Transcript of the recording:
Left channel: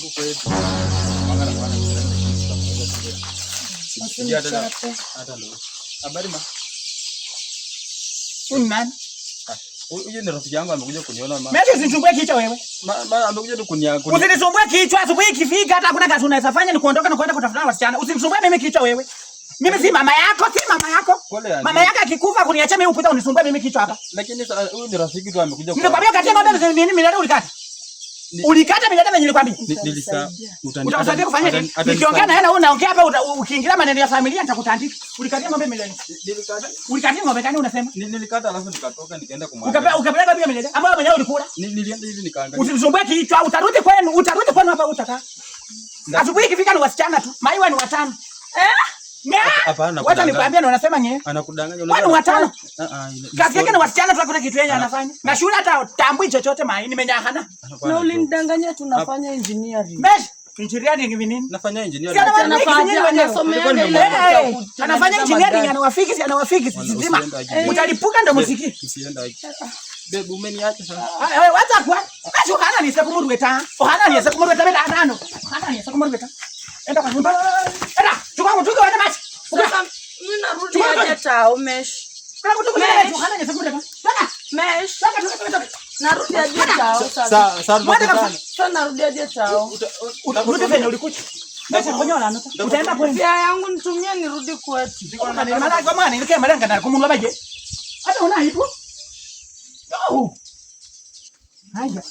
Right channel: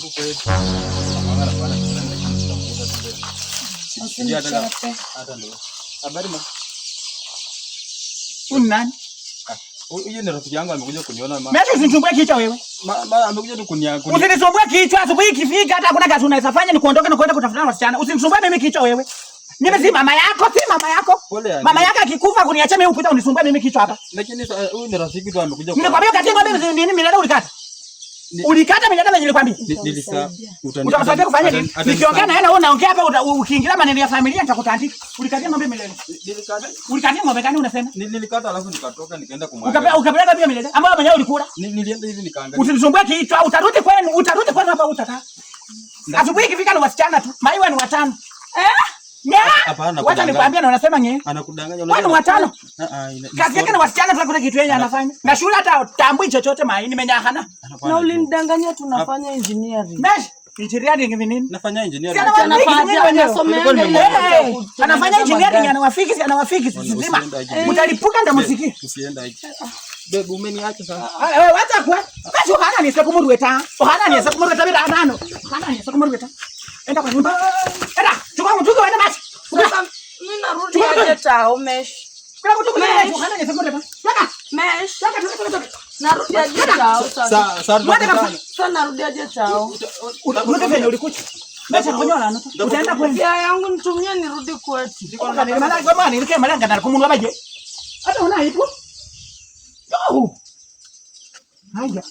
huku kwetu. Mangala bwana kiranda kanisa kwa sababu. Sijia hata ndo. Habari ma. Unani? Huyu ni rafiki yangu amekuja kuniona mama. Mimi usinisumbue kichwa wewe. Amekuja tu kuniangalia. Usinisumbue kichwa asubuhi ikifika hata hakuna kazi unaweza fanya ni kuondoka na kwenda kutafuta wasichana. Usinisumbue mimi kichwa wewe. Mimi si mama yako, si mama yako. Mama yako akikufa kuniacha mimi upita unisumbue mimi kichwa hapa. Lakini huyu ni rafiki tu amekuja kwa. Nimekwambia katia ng'ombe nini milada ulikata? Ulikata milada mwenye nilikwambia. Utasaidia kufanya nini? Nikiongea na yeye na wewe unaongea hapa ukiingilia maneno ya familia nitakutandika. Ulikatia ng'ombe milada. Ulikatia ng'ombe gani unasema? Nilikata alafu nikatoka nikaenda kumwaga. Ukapeleka pia milada. Ambayo mwenyewe ulikula. Nilienda hivi nikaangalia. Usinisumbue kichwa, utarudi kwenu hapa utakaa. Asubuhi ikifika ni wasichana tu. Maiwa ni watano. Hapana. Wacha nikwambie na unasema nyewe. Anakudanganya unajua. Watu watano. Kazi yake ni wasichana tu kuna kitu yeye anafanya. Na shule hata tambui chochote mai nimenyahana. Na ulinidanganya tunafanya engineering. Mesh, engineering ni nini? Nafanya engineering. Anafanya engineering anawafiki sima. Mtalipuka ndo msikie. Usienda hivi. Bebu umeniacha sasa. Wewe wacha kwa. Kazi hana ni sekumuru weta. Hana ni sekumuru weta bila tano. Hana ni sekumuru weta. Enda kwa nyumba. Enda, chukua mtuko wende basi. Sasa mimi narudi aje tao Mesh. Kwa mtuko wende Hana ni sekumuru weta. Toka. Mesh. Toka. Narudi aje tao sasa. Sasa narudi aje tao. Urudi venye ulikuja. Basi konyola nota. Utaenda kwenda. Yangu nitumie nirudi kwetu. Ni maana kwa maana nilike malanga na kumunwa baje. Hata una ipo. Haya.